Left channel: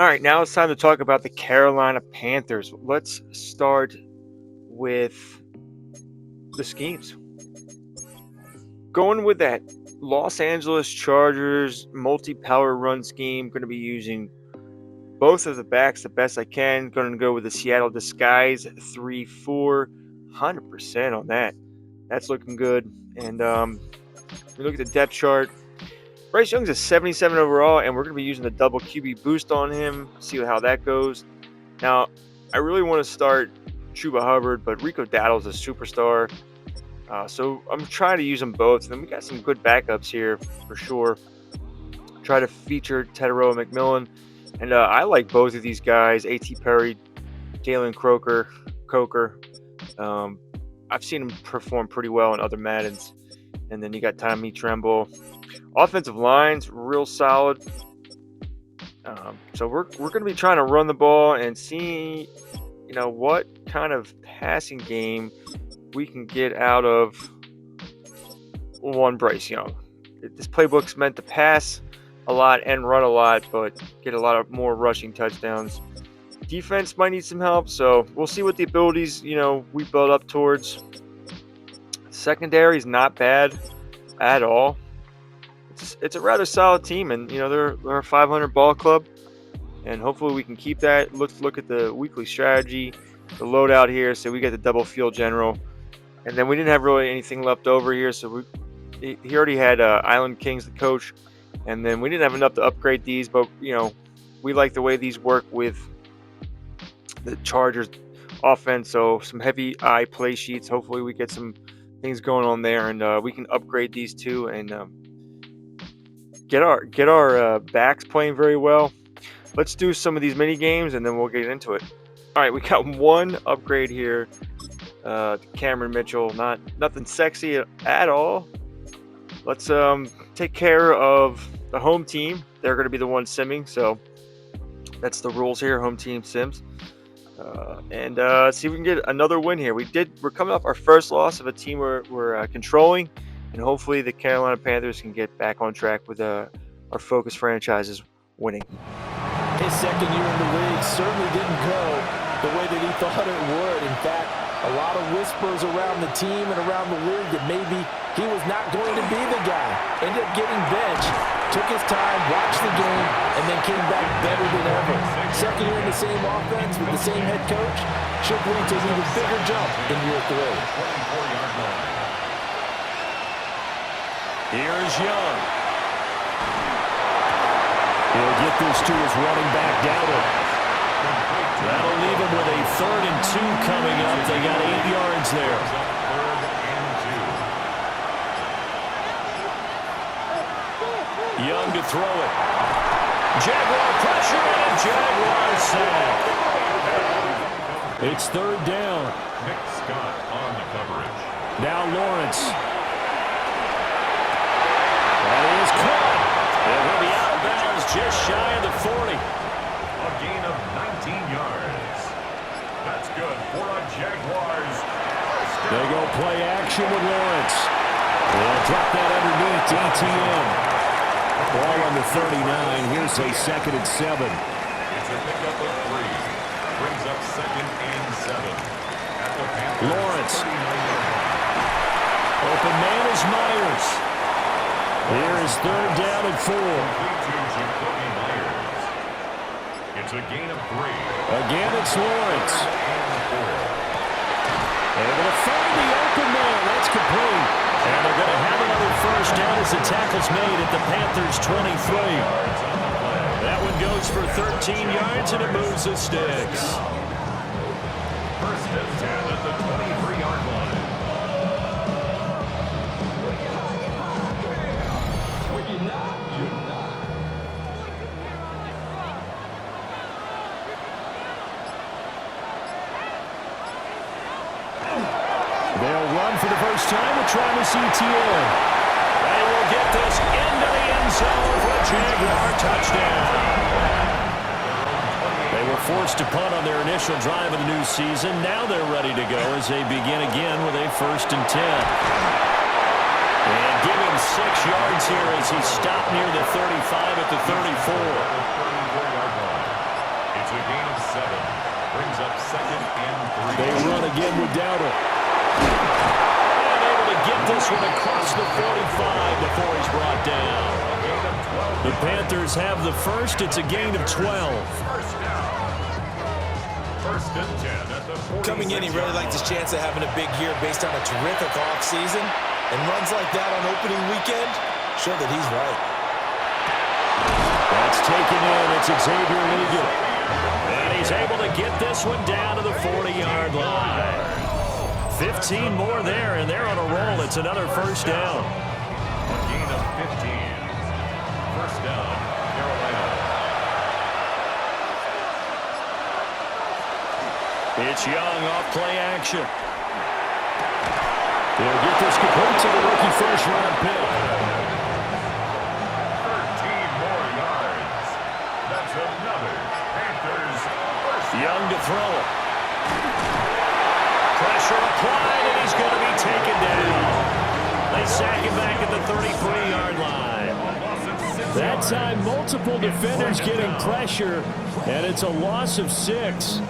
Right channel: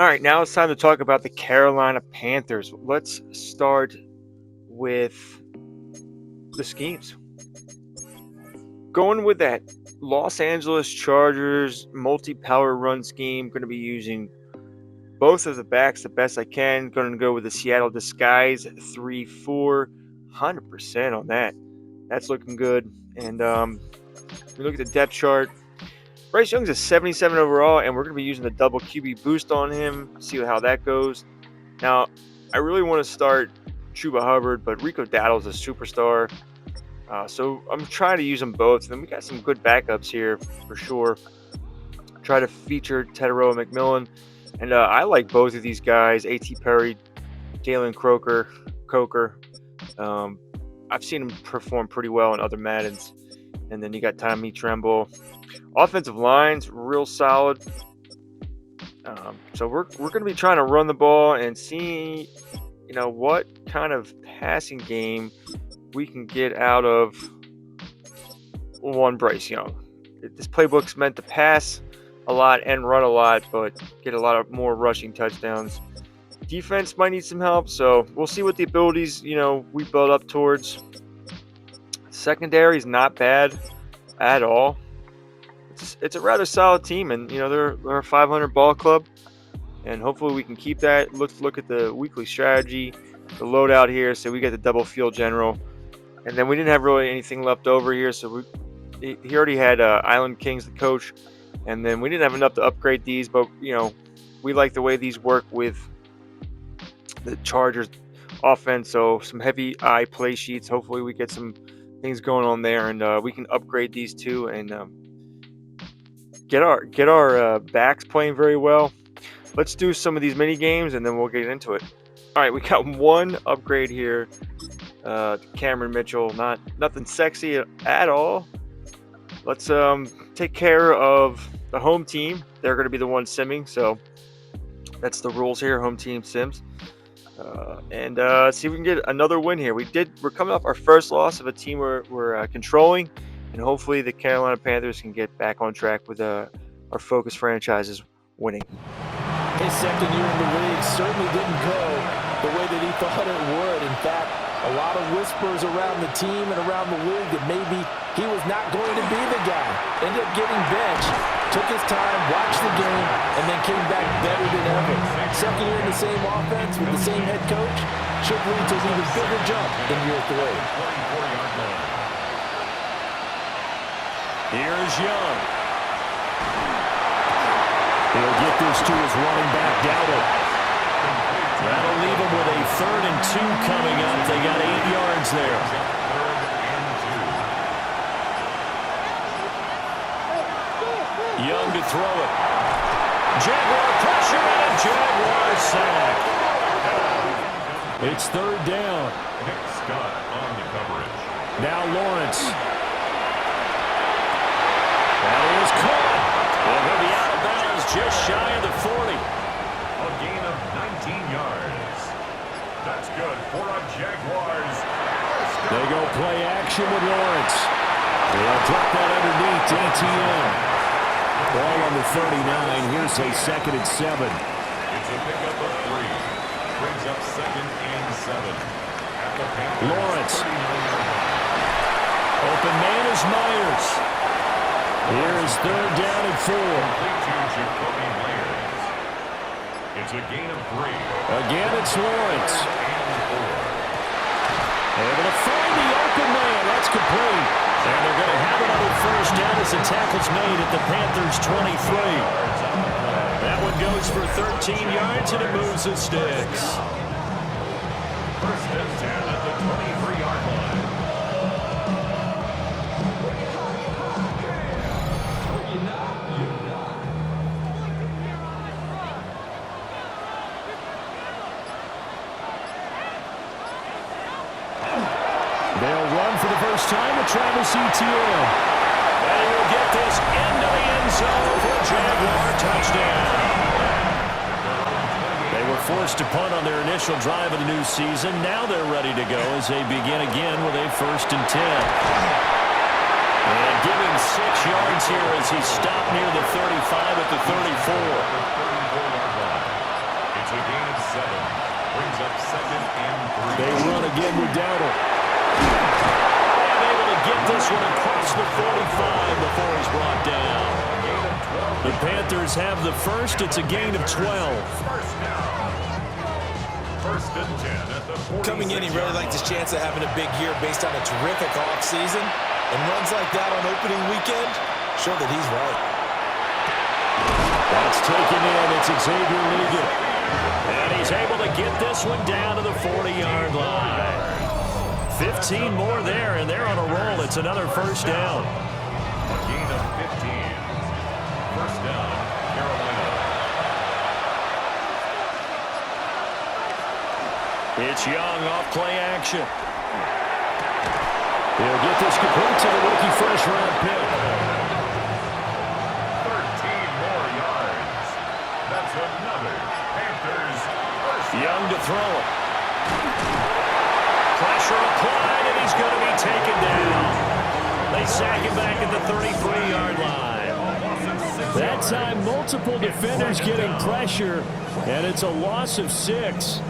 All right, now it's time to talk about the Carolina Panthers. Let's start with the schemes. Going with that Los Angeles Chargers multi-power run scheme, going to be using both of the backs the best I can. Going to go with the Seattle Disguise 3-4, 100% on that. That's looking good. And we look at the depth chart. Bryce Young's a 77 overall, and we're going to be using the double QB boost on him. See how that goes. Now, I really want to start Chuba Hubbard, but Rico Dowdle's a superstar. So I'm trying to use them both. And then we got some good backups here for sure. Try to feature Tedero and McMillan. And I like both of these guys, A.T. Perry, Jalen Coker. I've seen him perform pretty well in other Maddens. And then you got Tommy Tremble. Offensive line's real solid. So we're going to be trying to run the ball and see, what kind of passing game we can get out of one Bryce Young. This playbook's meant to pass a lot and run a lot, but get a lot of more rushing touchdowns. Defense might need some help, so we'll see what the abilities, we build up towards. Secondary is not bad at all. It's a rather solid team, and they're a 500 ball club, and hopefully we can keep that. Let's look at the weekly strategy, the loadout here. So we got the double field general, and then we didn't have really anything left over here. So he already had Island Kings, the coach, and then we didn't have enough to upgrade these, but we like the way these work with the Chargers offense. So some heavy eye play sheets. Hopefully we get some things going on there, and we can upgrade these two and get our backs playing very well. Let's do some of these mini games and then we'll get into it. All right, we got one upgrade here. Cameron Mitchell, nothing sexy at all. Let's take care of the home team. They're going to be the ones simming, so that's the rules here. Home team sims. And see if we can get another win here. We're coming off our first loss of a team we're controlling, and hopefully the Carolina Panthers can get back on track with our focus franchises winning. His second year in the league certainly didn't go the way that he thought it would. In fact, a lot of whispers around the team and around the league that maybe he was not going to be the guy. Ended up getting benched, took his time, watched the game, and then came back better than ever. Second year in the same offense with the same head coach should lead to an even bigger jump in year 3. 24-yard line. Here's Young. He'll get this to his running back, Dowdle. That'll leave him with a 3rd and 2 coming up. They got 8 yards there. 3rd and 2. Young to throw it. Jaguar pressure and a Jaguar sack. It's 3rd down. Nick Scott on the coverage. Now Lawrence. That is caught. And he'll be out of bounds just shy of the 40. A gain of 19 yards. That's good for a Jaguars. They go play action with Lawrence. They'll drop that underneath to ETN. Ball on the 39. Here's a 2nd and 7. It's a pickup of 3. Brings up 2nd and 7. At the Panthers. Lawrence. Open man is Myers. Here is 3rd down and 4. Complete to Jacoby Myers. It's a gain of 3. Again, it's Lawrence. 3rd and 4. Able to find the open man. That's complete. And they're going to have another 1st down as the tackle's made at the Panthers' 23. Yards on the play. That one goes for 13 yards, and it moves the sticks. 1st and 10 at the 23-yard line. They'll run for the first time with Travis Etienne. They will get this into the end zone for a Jaguar touchdown. They were forced to punt on their initial drive of the new season. Now they're ready to go as they begin again with a 1st and 10. And give him 6 yards here as he stopped near the 35 at the 34. 34-yard line. It's a gain of 7. Brings up 2nd and 3. They run again with Dowdle. And able to get this one across the 45 before he's brought down. A gain of 12. The Panthers have the first. It's a gain of 12. First down. 1st and 10 at the 46. Coming in, he really liked his chance of having a big year based on a terrific offseason. And runs like that on opening weekend show that he's right. That's taken in. It's Xavier Ligon. And he's able to get this one down to the 40-yard line. 15 more there, and they're on a roll. It's another first down. A gain of 15. First down, Carolina. It's Young off play action. He'll get this complete to the rookie first-round pick. 13 more yards. That's another Panthers first. Young to throw it. Pressure applied, and he's going to be taken down. They sack him back at the 33-yard line. That time, multiple defenders getting pressure, and it's a loss of 6.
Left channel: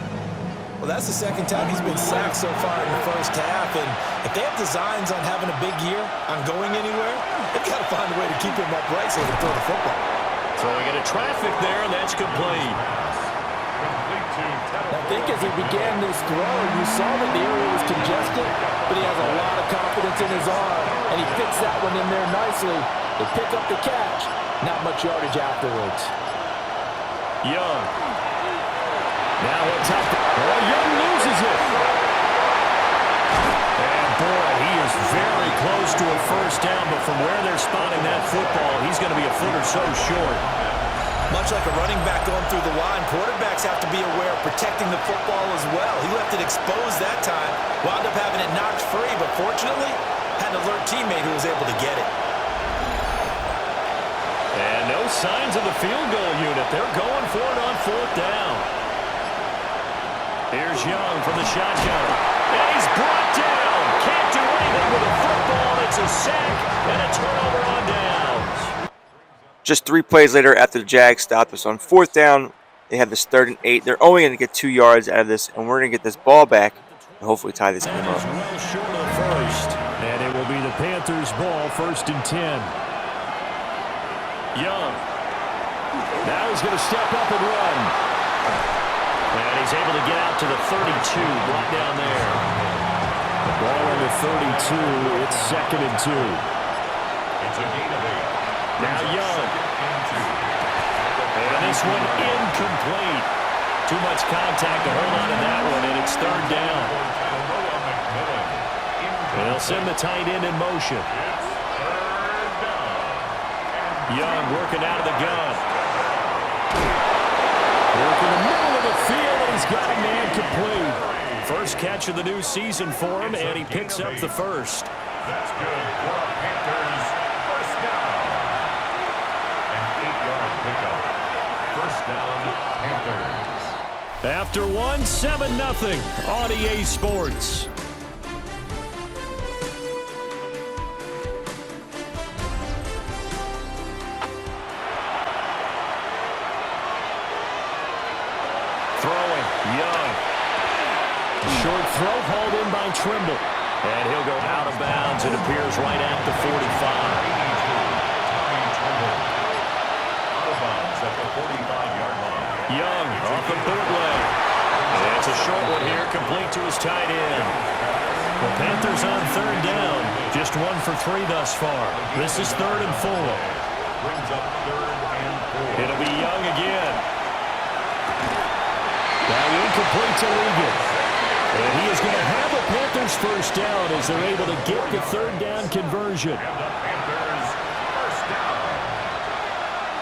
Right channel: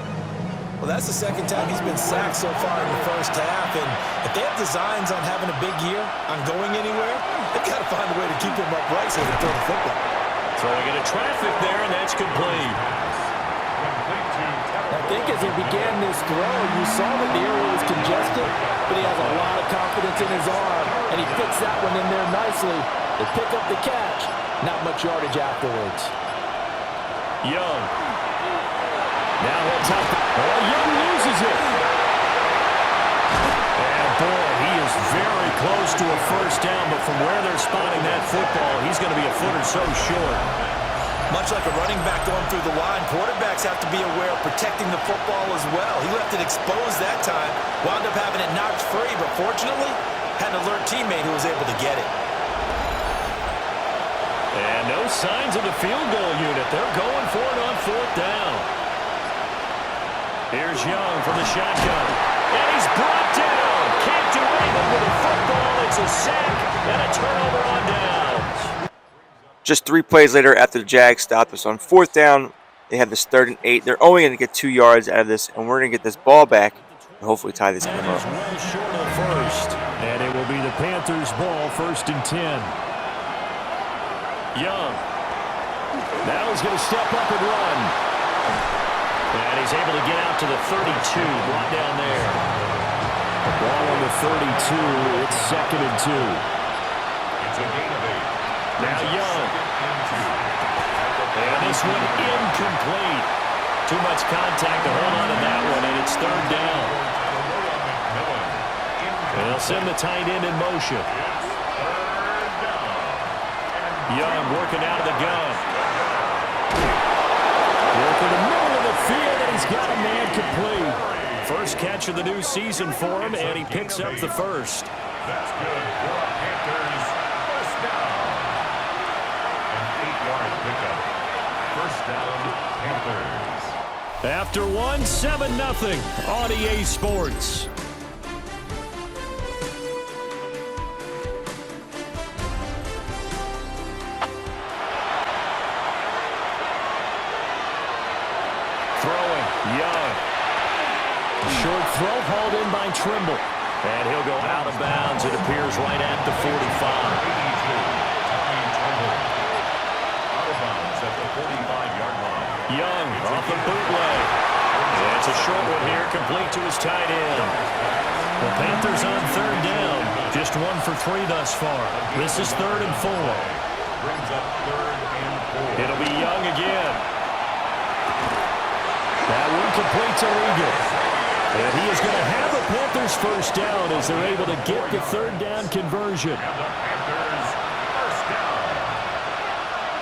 Well, that's the second time he's been sacked so far in the first half. And if they have designs on having a big year, on going anywhere, they've got to find a way to keep him upright so they can throw the football. Throwing into traffic there, and that's complete. I think as he began this throw, you saw that the area was congested, but he has a lot of confidence in his arm, and he fits that one in there nicely. They pick up the catch. Not much yardage afterwards. Young. Now he'll top the... Oh, Young loses it. And boy, he is very close to a first down, but from where they're spotting that football, he's going to be a foot or so short. Much like a running back going through the line, quarterbacks have to be aware of protecting the football as well. He left it exposed that time, wound up having it knocked free, but fortunately, had an alert teammate who was able to get it. And no signs of the field goal unit. They're going for it on 4th down. Here's Young from the shotgun. And he's brought down. Can't do anything with the football. It's a sack and a turnover on downs. Just 3 plays later after the Jags stopped us on 4th down, they had this 3rd and 8. They're only going to get 2 yards out of this, and we're going to get this ball back and hopefully tie this game up. Well short of the first. And it will be the Panthers' ball, 1st and 10. Young. Now he's going to step up and run. And he's able to get out to the 32, brought down there. The ball on the 32, it's 2nd and 2. It's a gain of 8. Now Young. And this one incomplete. Too much contact to hold on to that one, and it's 3rd down. And they'll send the tight end in motion. Young working out of the gun. Working the middle of the field, and he's got a man complete. First catch of the new season for him, and he picks up the first. That's good for a Panthers first down. An 8-yard pickup. First down, Panthers. After one, 7-0 on EA Sports. Throwing, Young. Short throw hauled in by Trimble. And he'll go out of bounds. It appears right at the 45. Out of bounds at the 45-yard line. Young off the bootleg. And it's a short one here, complete to his tight end. The Panthers on 3rd down. Just 1 for 3 thus far. This is 3rd and 4. Brings up 3rd and 4. It'll be Young again. That one complete to Ligon. And he is going to have a Panthers first down as they're able to get the 3rd down conversion. And the Panthers first down.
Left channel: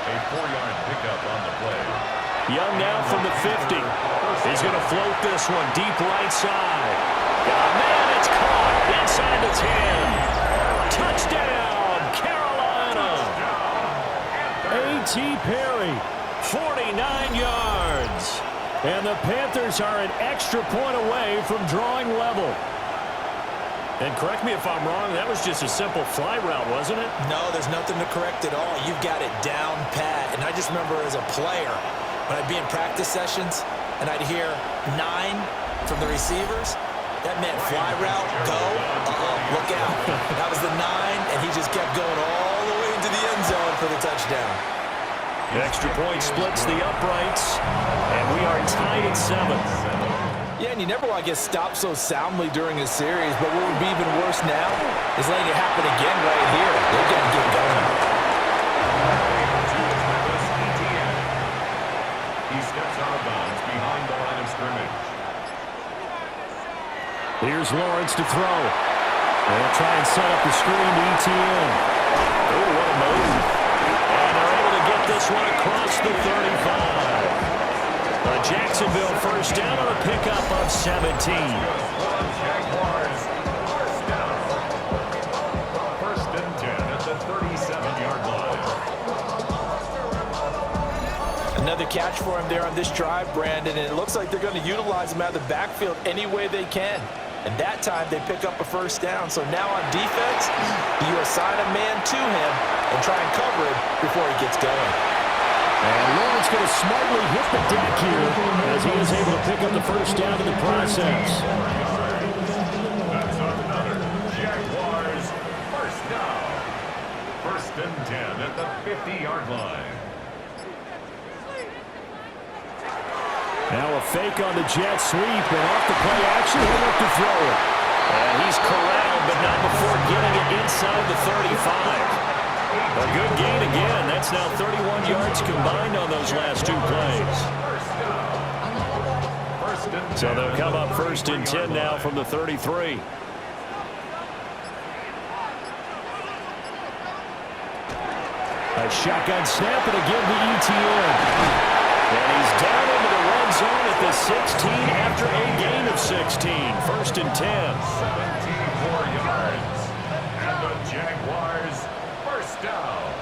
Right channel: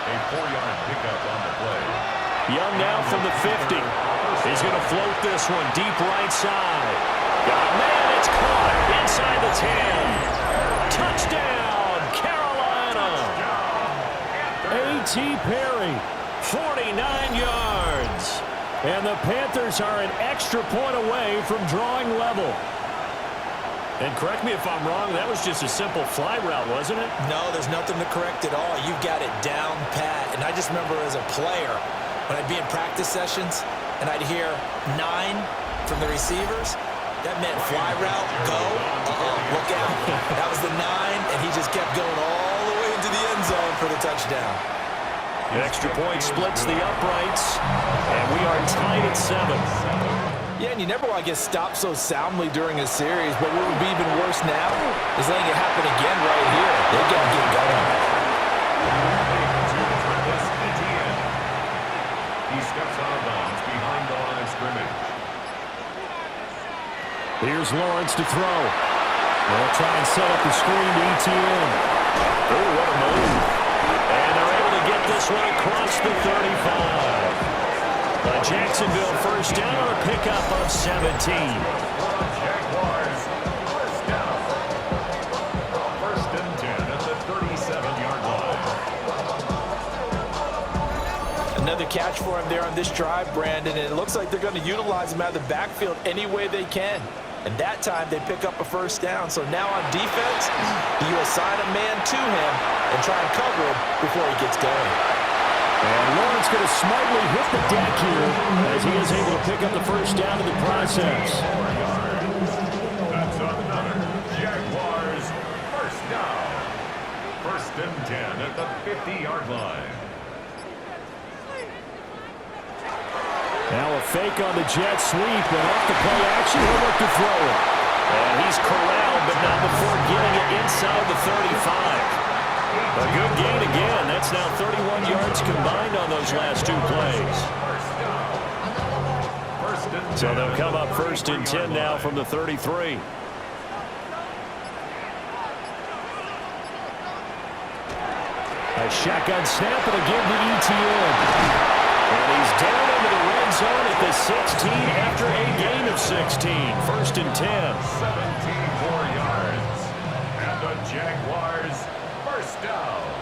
A 4-yard pickup on the play. Young now from the 50. He's going to float this one deep right side. Got a man, it's caught inside the 10. Touchdown, Carolina. A.T. Perry, 49 yards. And the Panthers are an extra point away from drawing level. And correct me if I'm wrong, that was just a simple fly route, wasn't it? No, there's nothing to correct at all. You've got it down pat. And I just remember as a player, When I'd be in practice sessions and I'd hear 9 from the receivers, that meant fly route, go, look out. That was the 9, and he just kept going all the way into the end zone for the touchdown. The extra point splits the uprights, and we are tied at 7. Yeah, and you never want to get stopped so soundly during a series, but what would be even worse now is letting it happen again right here. They've got to get going. He steps out of bounds behind the line of scrimmage. Here's Lawrence to throw. They'll try and set up the screen to ETN. Oh, what a move. And they're able to get this one across the 35. Jacksonville first down on a pickup of 17. Jaguars, first down. First and 10 at the 37-yard line. Another catch for him there on this drive, Brandon, and it looks like they're going to utilize him out of the backfield any way they can. And that time they pick up a first down. So now on defense, you assign a man to him and try and cover him before he gets going. And Lawrence going to smartly hit the deck here as he is able to pick up the first down in the process. That's another Jaguars first down. First and 10 at the 50-yard line. Now a fake on the jet sweep, and off the play action, he'll look to throw it. And he's corralled, but not before getting it inside the 35. A good gain again. That's now 31 yards combined on those last 2 plays. So they'll come up first and 10 now from the 33. A shotgun snap, and again to ETN. And he's down into the red zone at the 16 after a gain of 16. First and 10. 74 yards. And the Jaguars first down.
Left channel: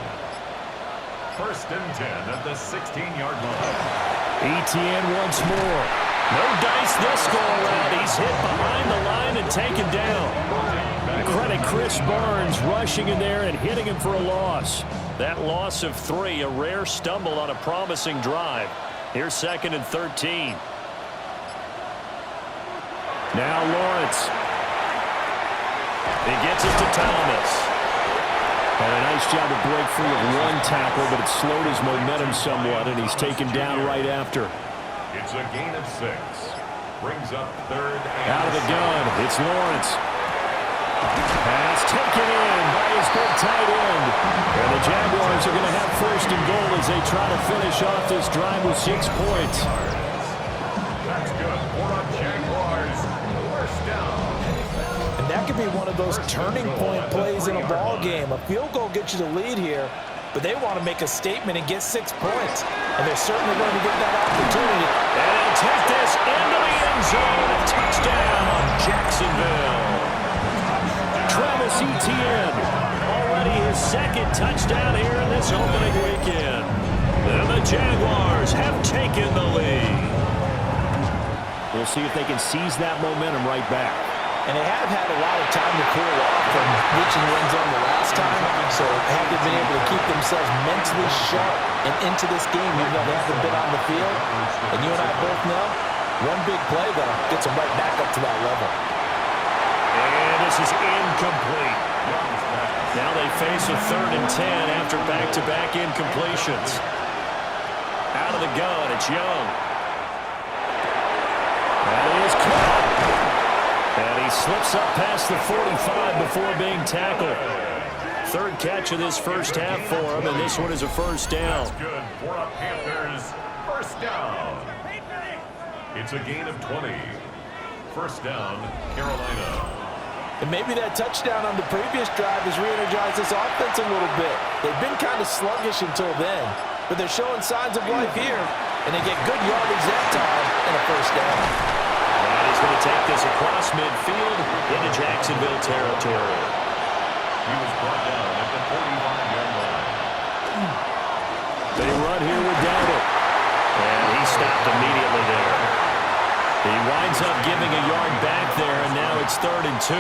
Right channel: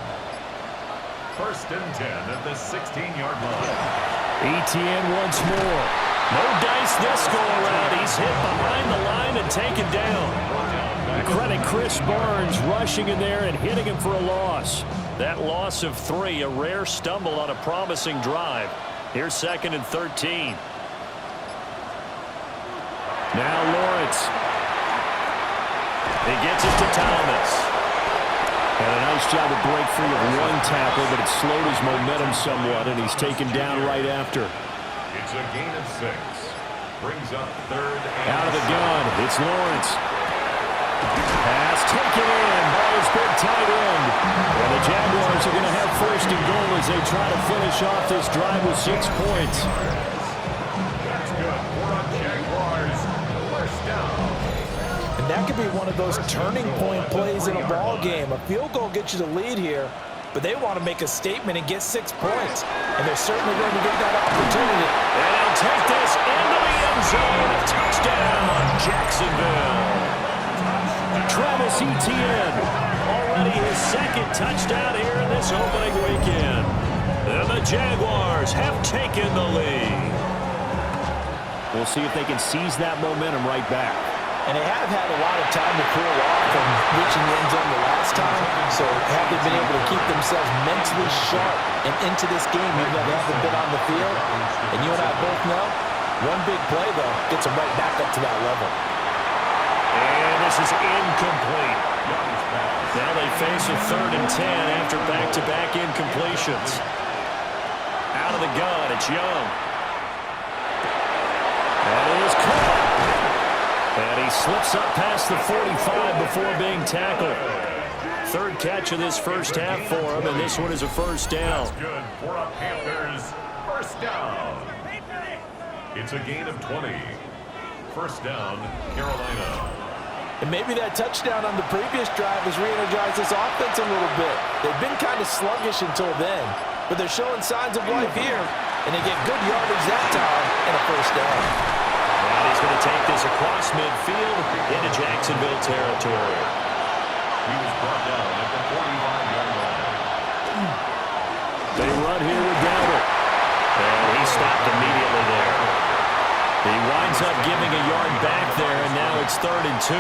First and 10 at the 16-yard line. ETN once more. No dice this go around. He's hit behind the line and taken down. Credit Chris Barnes rushing in there and hitting him for a loss. That loss of 3, a rare stumble on a promising drive. Here's second and 13. Now Lawrence. He gets it to Thomas. Had a nice job to break free of 1 tackle, but it slowed his momentum somewhat, and he's taken down right after. It's a gain of 6. Brings up third and out of the gun. It's Lawrence. Pass taken in by his big tight end. And the Jaguars are going to have first and goal as they try to finish off this drive with 6 points. That's good for a Jaguars first down. And that could be one of those turning point plays in a ball game. A field goal gets you the lead here, but they want to make a statement and get 6 points. And they're certainly going to get that opportunity. And he'll take this into the end zone. A touchdown, Jacksonville. Travis Etienne, already his 2nd touchdown here in this opening weekend. And the Jaguars have taken the lead. We'll see if they can seize that momentum right back. And they have had a lot of time to cool off from reaching the end zone the last time. So have they been able to keep themselves mentally sharp and into this game, even though they haven't been on the field? And you and I both know, one big play, though, gets them right back up to that level. And this is incomplete. Now they face a 3rd and 10 after back-to-back incompletions. Out of the gun, it's Young. That is caught. And he slips up past the 45 before being tackled. 3rd catch of this first half for him, and this one is a first down. That's good for a Panthers first down. It's a gain of 20. First down, Carolina. And maybe that touchdown on the previous drive has re-energized this offense a little bit. They've been kind of sluggish until then, but they're showing signs of life here, and they get good yardage that time and a first down. And he's going to take this across midfield into Jacksonville territory. He was brought down at the 45-yard line. They run here with Dowdle. And he stopped immediately there. He winds up giving a yard back there, and now it's 3rd and 2.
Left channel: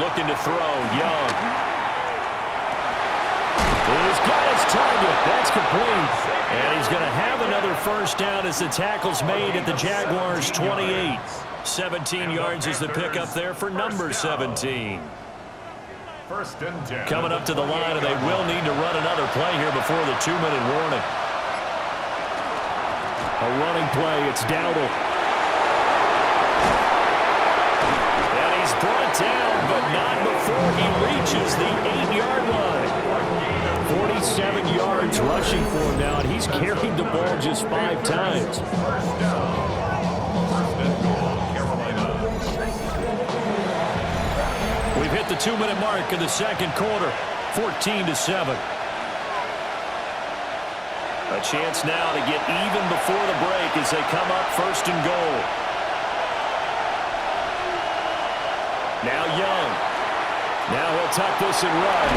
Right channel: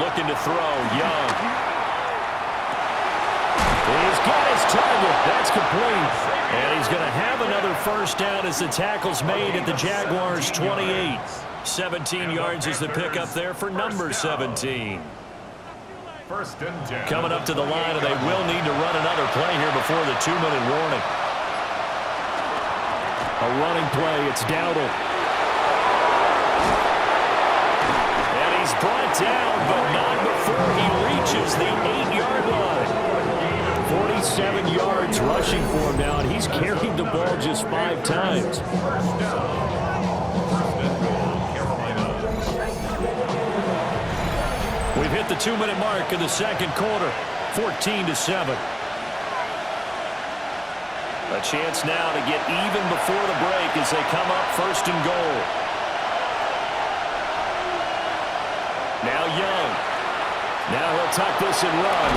Looking to throw, Young. He's got his target. That's complete. And he's going to have another first down as the tackle's made at the Jaguars' 28. 17 yards is the pickup there for number 17. First and 10. Coming up to the line, and they will need to run another play here before the 2-minute warning. A running play. It's Dowdle. And he's brought down, but not before he reaches the 8-yard line. 47 yards rushing for him now, and he's carried the ball just 5 times. First down. First and goal, Carolina. We've hit the 2-minute mark in the second quarter, 14-7. A chance now to get even before the break as they come up first and goal. Now Young. Now he'll tuck this and run.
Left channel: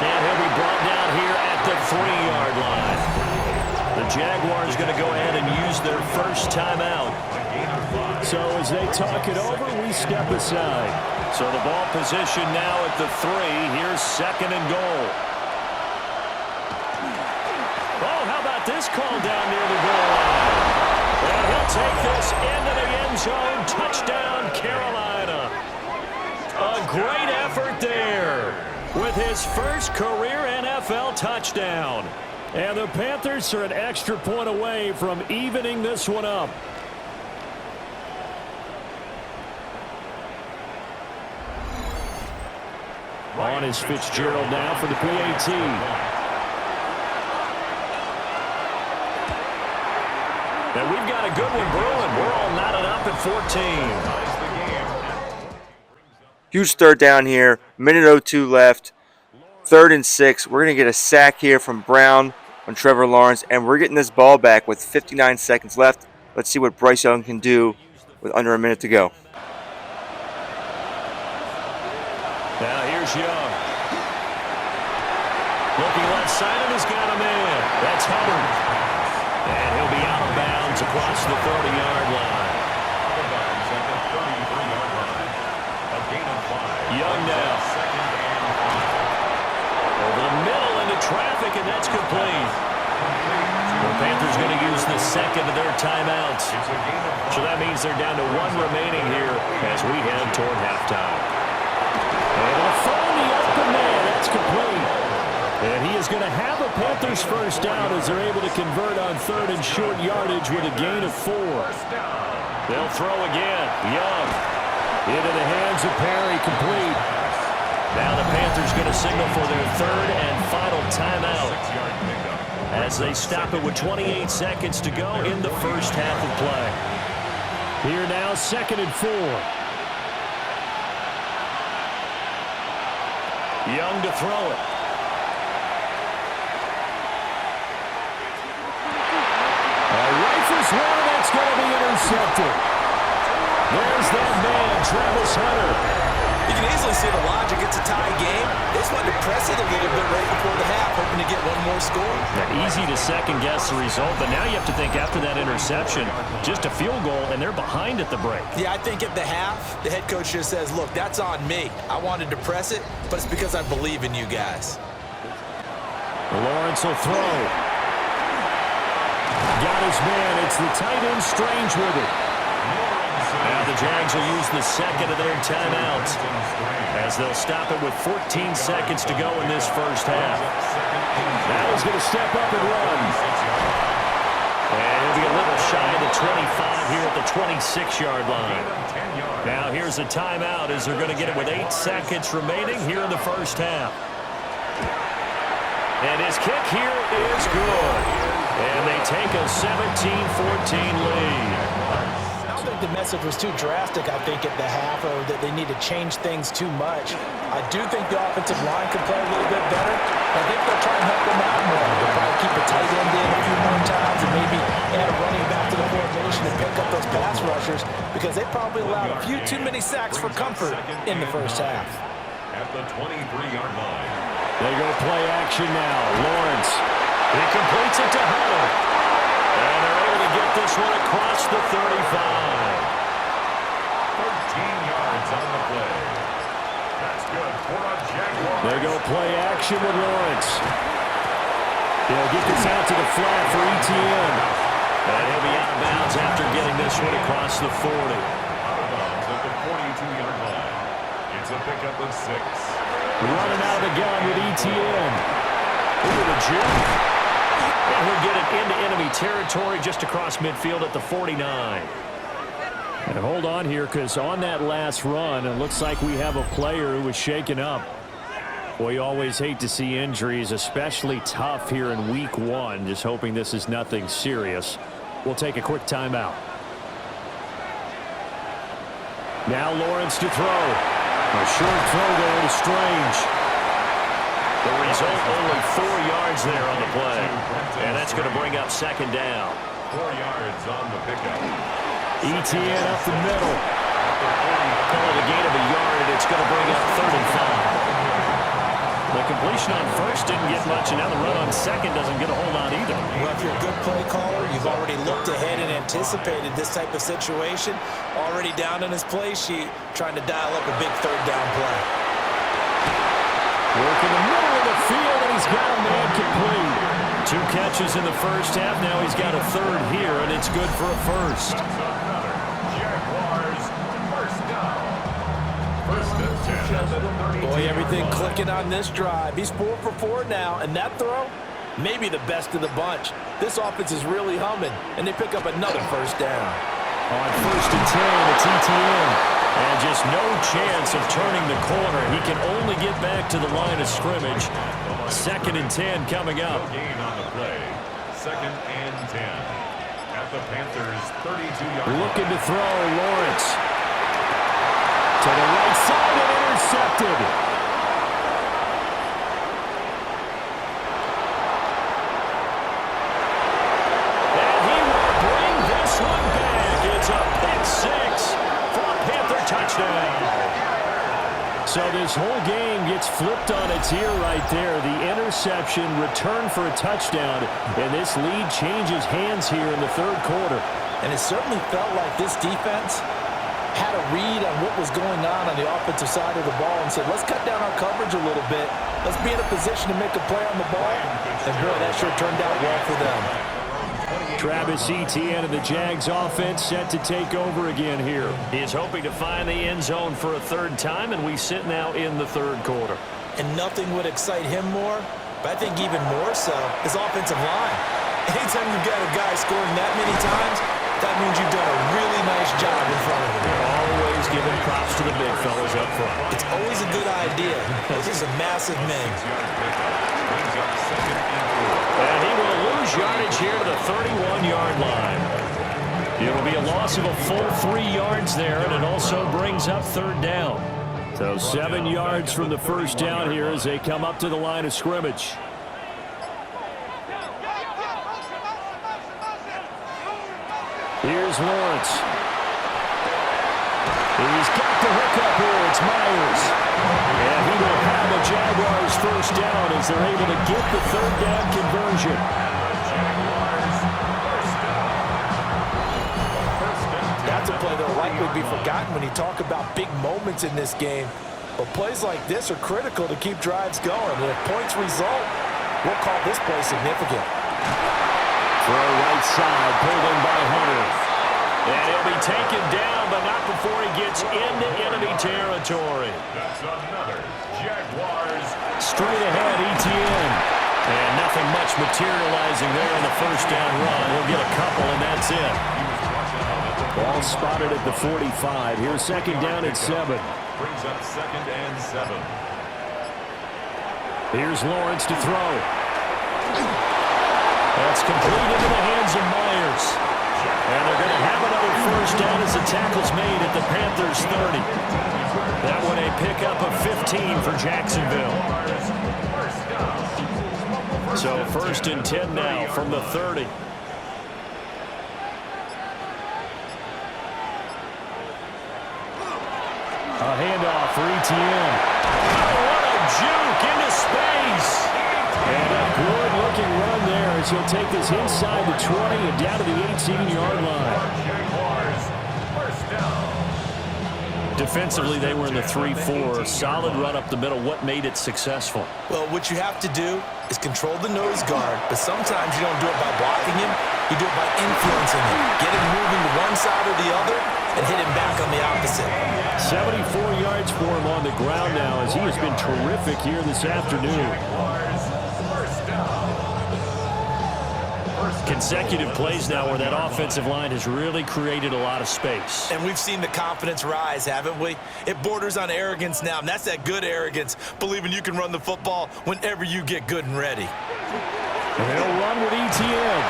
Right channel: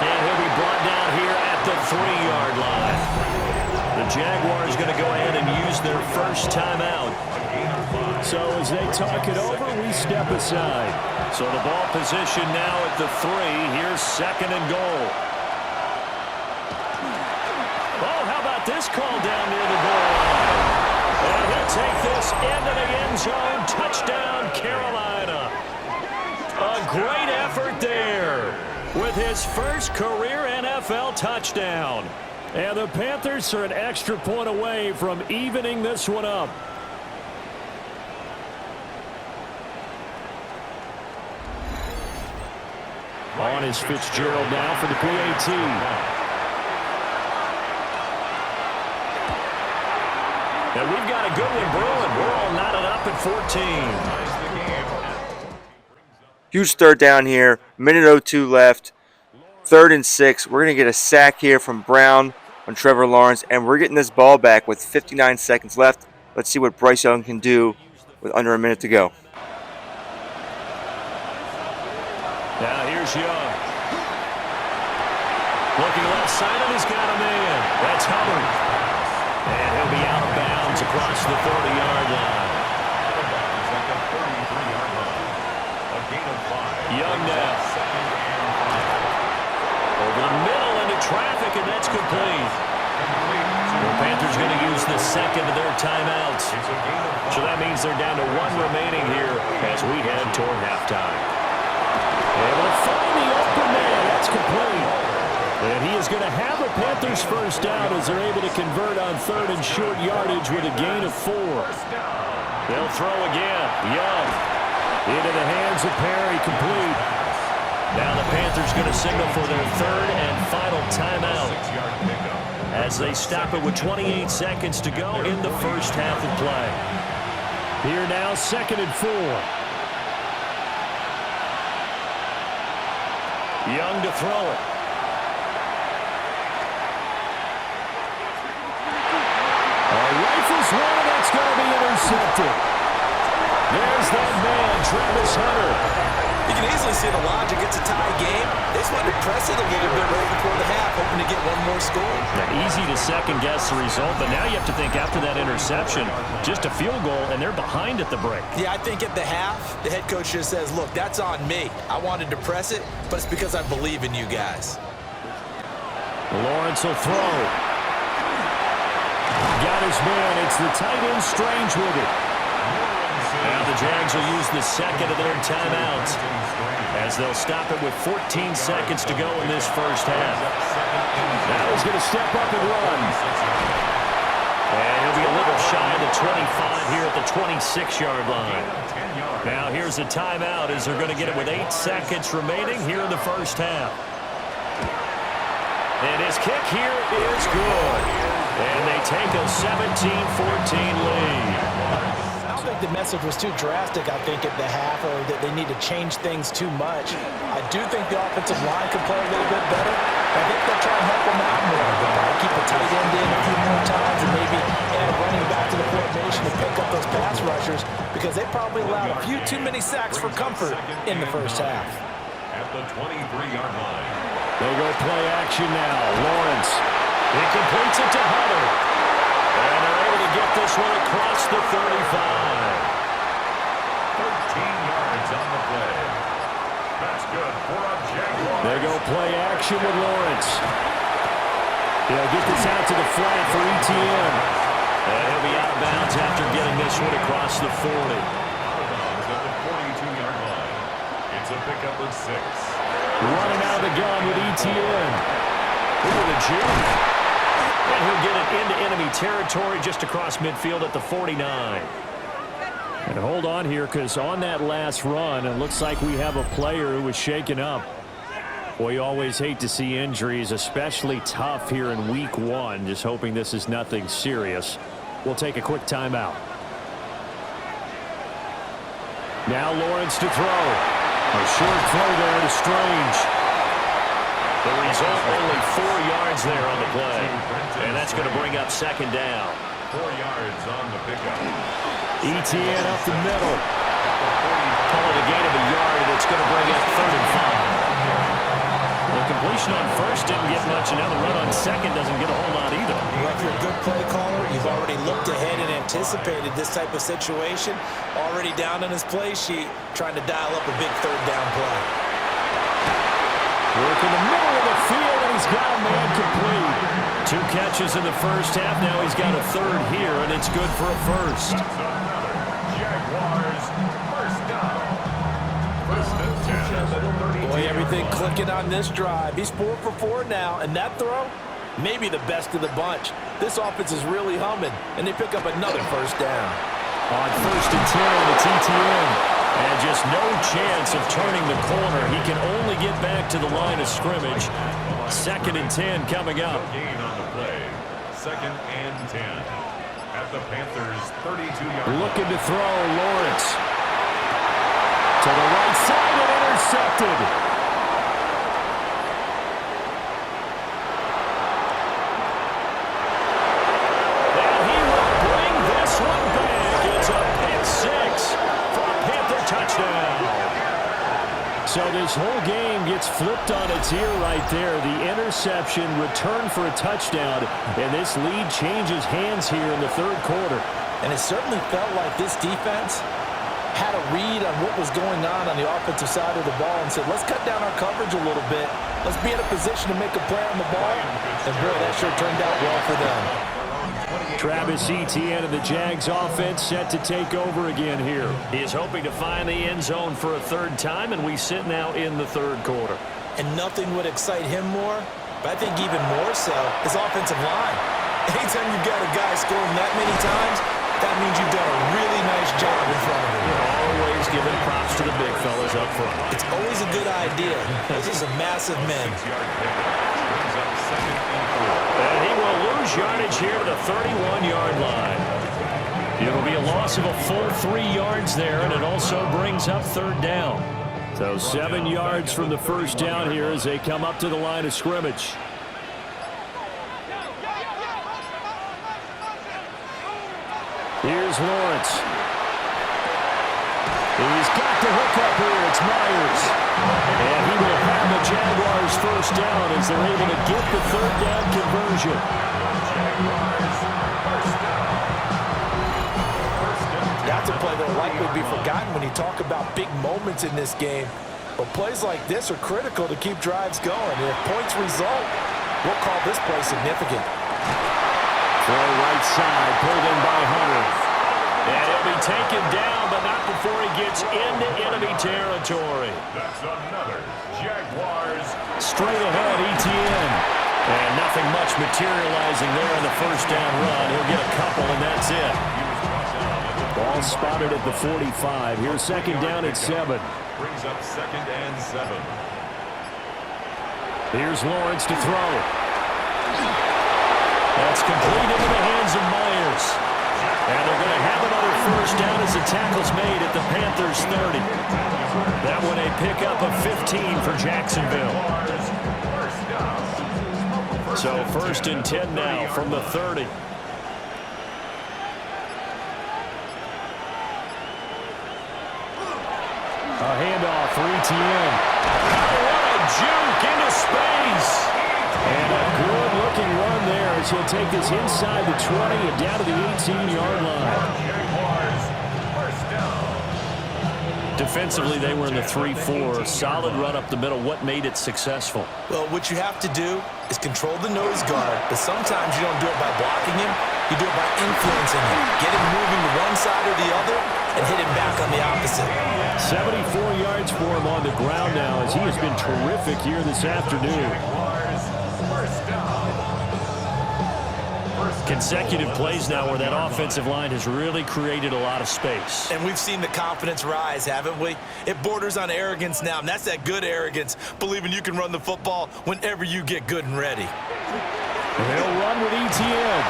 And he'll be brought down here at the 3-yard line. The Jaguars going to go ahead and use their first timeout. So as they talk it over, we step aside. So the ball position now at the 3. Here's second and goal. Oh, how about this call down near the goal line? And he'll take this into the end zone. Touchdown, Carolina. A great effort there with his first career NFL touchdown. And the Panthers are an extra point away from evening this one up. On is Fitzgerald now for the PAT. And we've got a good one brewing. We're all knotted up at 14. Huge third down here. Minute 02 left. 3rd and 6. We're going to get a sack here from Brown on Trevor Lawrence, and we're getting this ball back with 59 seconds left. Let's see what Bryce Young can do with under a minute to go. Now here's Young. Looking left side, and he's got a man. That's Hubbard. And he'll be out of bounds across the 30-yard line. Out of bounds at the 33-yard line. A gain of 5. Young now. Second and 5. Over the middle into traffic, and that's complete. The Panthers going to use the second of their timeouts. It's a gain of 5. So that means they're down to 1 remaining here as we head toward halftime. Able to find the open man. That's complete. And he is going to have a Panthers first down as they're able to convert on 3rd and short yardage with a gain of 4. They'll throw again. Young into the hands of Perry, complete. Now the Panthers going to signal for their 3rd and final timeout as they stop it with 28 seconds to go in the first half of play. Here now, 2nd and 4. Young to throw it. Rifles one, and that's going to be intercepted. There's that man, Travis Hunter. You can easily see the logic. It's a tie game. They just wanted to press it a little bit right before the half, hoping to get one more score. Yeah, easy to second-guess the result, but now you have to think after that interception, just a field goal, and they're behind at the break. Yeah, I think at the half, the head coach just says, look, that's on me. I wanted to press it, but it's because I believe in you guys. Lawrence will throw. Got his man. It's the tight end Strange with it. Now the Jags will use the second of their timeouts as they'll stop it with 14 seconds to go in this first half. Now he's going to step up and run. And he'll be a little shy of the 25 here at the 26-yard line. Now here's a timeout as they're going to get it with 8 seconds remaining here in the first half. And his kick here is good. And they take a 17-14 lead. I don't think the message was too drastic, I think, at the half, or that they need to change things too much. I do think the offensive line could play a little bit better. I think they'll try and help them out more. They'll probably keep a tight end in a few more times and maybe add a running back to the formation to pick up those pass rushers, because they probably allowed a few too many sacks for comfort in the first half. At the 23-yard line. They go play action now. Lawrence. He completes it to Hunter. And they're able to get this one across the 35. 13 yards on the play. That's good for a Jaguar. They go play action with Lawrence. They'll get this out to the flat for ETN. And he'll be out of bounds after getting this one across the 40. Out of bounds at the 42-yard line. It's a pickup of 6. Running out of the gun with ETN. Ooh, the juke. And he'll get it into enemy territory just across midfield at the 49. And hold on here, because on that last run, it looks like we have a player who was shaken up. We always hate to see injuries, especially tough here in week 1. Just hoping this is nothing serious. We'll take a quick timeout. Now Lawrence to throw. A short throw there to Strange. The result, only 4 yards there on the play. And that's going to bring up second down. 4 yards on the pickup. ETN up the middle. Call it a gain of a yard, and it's going to bring up 3rd and 5. The completion on first didn't get much, and now the run on second doesn't get a whole lot either. Well, if you're a good play caller, you've already looked ahead and anticipated this type of situation. Already down on his play sheet, trying to dial up a big 3rd down play. Work in the middle of the field, and he's got a man complete. 2 catches in the first half. Now he's got a 3rd here, and it's good for a first. That's another Jaguars first down. 1st and 10 at the 32. Boy, everything clicking on this drive. He's 4 for 4 now, and that throw, maybe the best of the bunch. This offense is really humming, and they pick up another first down. On 1st and 10, it's ETN. And just no chance of turning the corner. He can only get back to the line of scrimmage. 2nd and 10 coming up. Gain on the play. 2nd and 10 at the Panthers' 32-yard line. Looking to throw, Lawrence. To the right side and intercepted. And he will bring this one back. It's a pick 6 for a Panther touchdown. So this whole game gets flipped on its ear right there. The interception, return for a touchdown, and this lead changes hands here in the 3rd quarter. And it certainly felt like this defense had a read on what was going on the offensive side of the ball and said, let's cut down our coverage a little bit. Let's be in a position to make a play on the ball. And, boy, that sure turned out well for them. Travis Etienne and the Jags offense set to take over again here. He is hoping to find the end zone for a 3rd time, and we sit now in the 3rd quarter. And nothing would excite him more, but I think even more so, his offensive line. Anytime you've got a guy scoring that many times, that means you've done a really nice job in front of him. They're always giving props to the big fellas up front. It's always a good idea. Those are some massive men. 6-yard pickup brings up 2nd and 4. And he will lose yardage here to the 31-yard line. It'll be a loss of a full 3 yards there, and it also brings up 3rd down. So 7 yards from the first down here as they come up to the line of scrimmage. Here's Lawrence. He's got the hook up here. It's Myers. And he will have a Jaguars first down as they're able to get the 3rd down conversion. Jaguars first down. 1st and 10. That's a play that will likely be forgotten when you talk about big moments in this game. But plays like this are critical to keep drives going. And if points result, we'll call this play significant. Throw right side, pulled in by Hunter. And he'll be taken down, but not before he gets into enemy territory. That's another Jaguars. Straight ahead, ETN. And nothing much materializing there in the first down run. He'll get a couple, and that's it. He was brought down at the Ball spotted at the 45. Here's 2nd down at 7. Brings up 2nd and 7. Here's Lawrence to throw. That's complete into the hands of Myers. And they're going to have another first down as the tackle's made at the Panthers' 30. That one a pickup of 15 for Jacksonville. So 1st and 10 now from the 30. A handoff for ETN. Oh, what a juke into space. And a good-looking run there as he'll take this inside the 20 and down to the 18-yard line. Jaguars first down. Defensively, they were in the 3-4. Solid run up the middle. What made it successful? Well, what you have to do is control the nose guard, but sometimes you don't do it by blocking him. You do it by influencing him. Get him moving to one side or the other and hit him back on the opposite. 74 yards for him on the ground now as he has been terrific here this afternoon. Consecutive plays now where that offensive line has really created a lot of space. And we've seen the confidence rise, haven't we? It borders on arrogance now, and that's that good arrogance, believing you can run the football whenever you get good and ready. They'll run with ETN.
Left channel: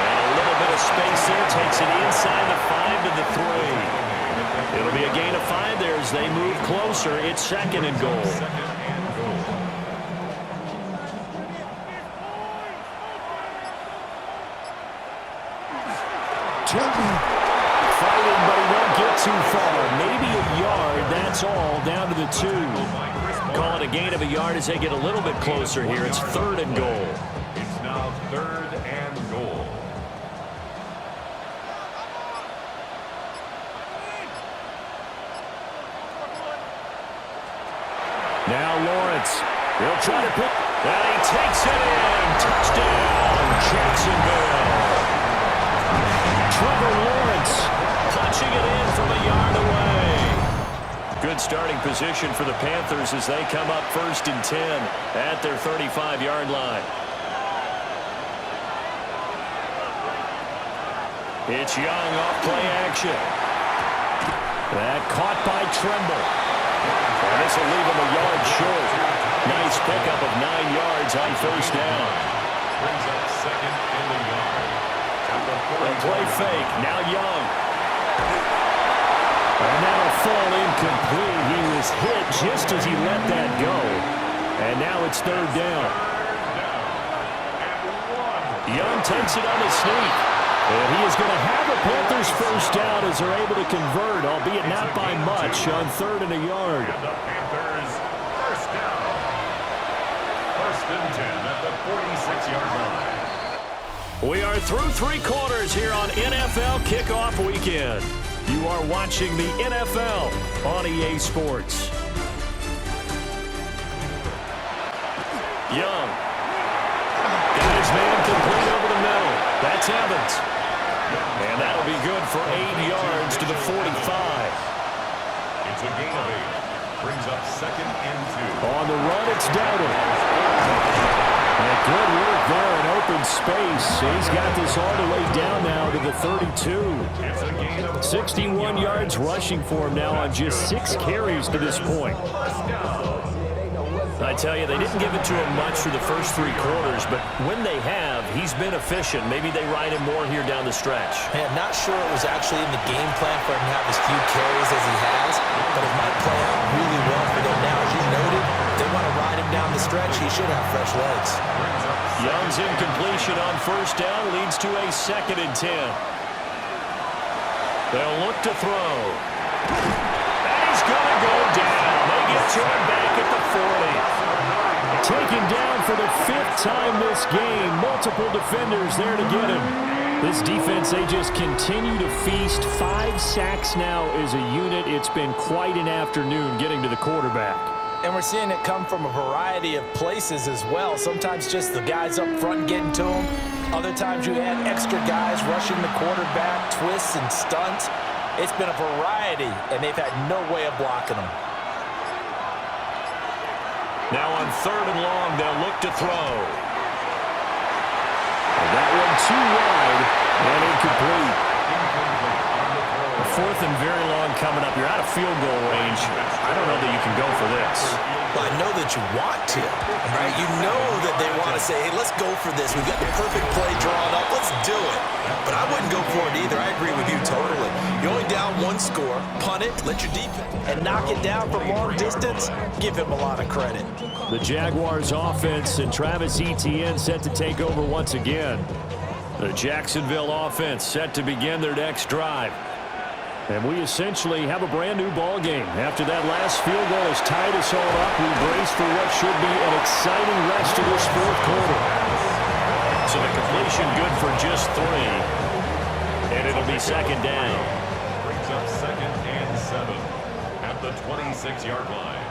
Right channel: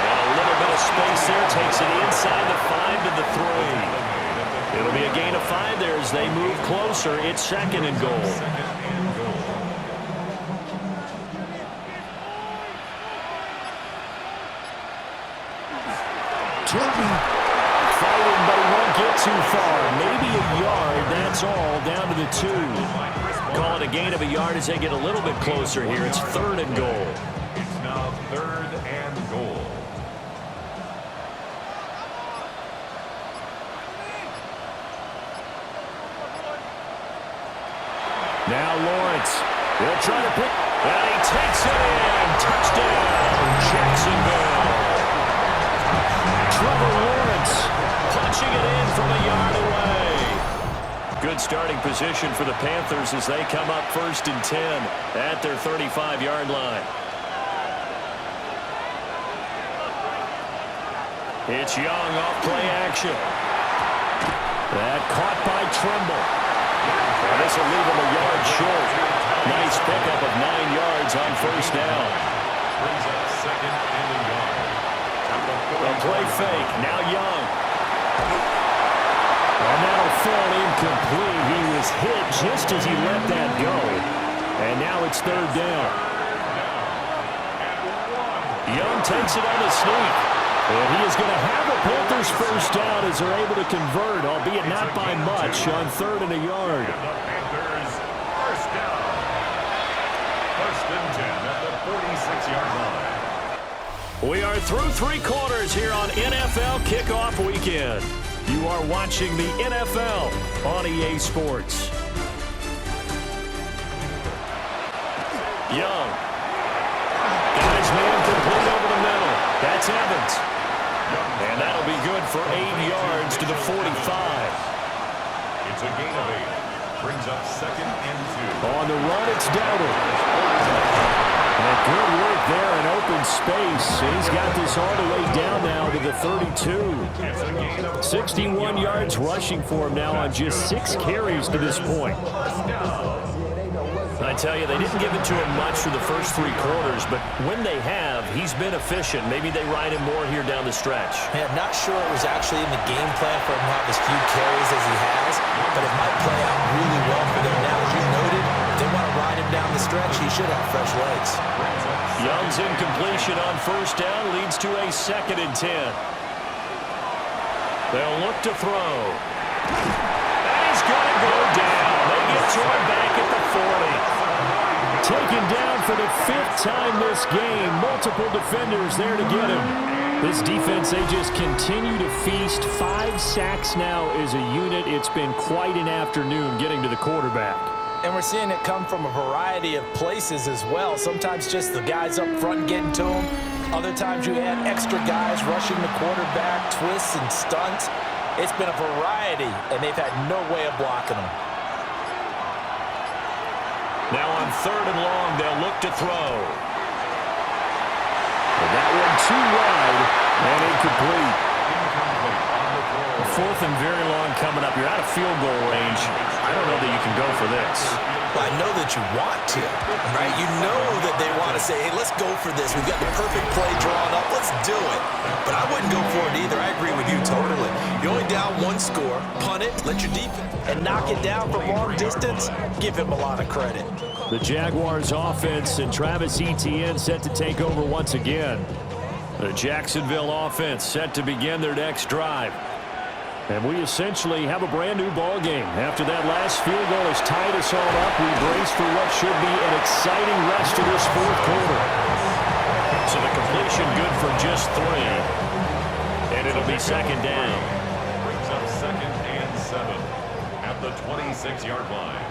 And a little bit of space there takes it inside the 5 to the 3. It'll be a gain of 5 there as they move closer. It's 2nd and goal. Fighting, but he won't get too far. Maybe a yard, that's all, down to the 2. Call it a gain of a yard as they get a little bit closer here. It's 3rd and goal. It's now 3rd and goal. Now Lawrence. He'll try to pick. And he takes it in. Touchdown, Jacksonville. Trevor Lawrence punching it in from a yard away. Good starting position for the Panthers as they come up 1st and 10 at their 35-yard line. It's Young off play action. That caught by Tremble. And this will leave him a yard short. Nice pickup of 9 yards on 1st down. Brings up 2nd and a yard. A play fake. Now Young. And that'll fall incomplete. He was hit just as he let that go. And now it's 3rd down. Young takes it on the sneak. And he is going to have a Panthers 1st down as they're able to convert, albeit not by much, on 3rd and a yard. And the Panthers 1st down. 1st and 10 at the 46-yard line. We are through 3 quarters here on NFL Kickoff Weekend. You are watching the NFL on EA Sports. Young. Got his man complete over the middle. That's Evans. And that'll be good for 8 yards to the 45. It's a gain of 8. Brings up 2nd and 2. On the run, it's Dowdle. And good work there in open space. He's got this all the way down now to the 32. 61 yards rushing for him now on just 6 carries to this point. I tell you, they didn't give it to him much through the first 3 quarters, but when they have, he's been efficient. Maybe they ride him more here down the stretch. Man, not sure it was actually in the game plan for him to have as few carries as he has, but it might play out really well for them now. As you noted, if they want to ride him down the stretch, he should have fresh legs. Young's incompletion on 1st down leads to a 2nd and 10. They'll look to throw. And he's going to go down. They get to him back at the 40. Taken down for the 5th time this game. Multiple defenders there to get him. This defense, they just continue to feast. 5 sacks now as a unit. It's been quite an afternoon getting to the quarterback. And we're seeing it come from a variety of places as well. Sometimes just the guys up front getting to him. Other times you add extra guys rushing the quarterback, twists and stunts. It's been a variety, and they've had no way of blocking them. Now on 3rd and long, they'll look to throw. And that one too wide and incomplete. A 4th and very long coming up. You're out of field goal range. I don't know that you can go for this. Well, I know that you want to, right? You know that they want to say, hey, let's go for this. We've got the perfect play drawn up. Let's do it. But I wouldn't go for it either. I agree with you totally. You're only down 1 score. Punt it, let your defense, and knock it down from long distance. Give him a lot of credit. The Jaguars offense and Travis Etienne set to take over once again. The Jacksonville offense set to begin their next drive. And we essentially have a brand-new ball game. After that last field goal has tied us all up, we brace for what should be an exciting rest of this 4th quarter. So the completion good for just 3. And it'll be 2nd down. Brings up 2nd and 7. at the 26-yard line.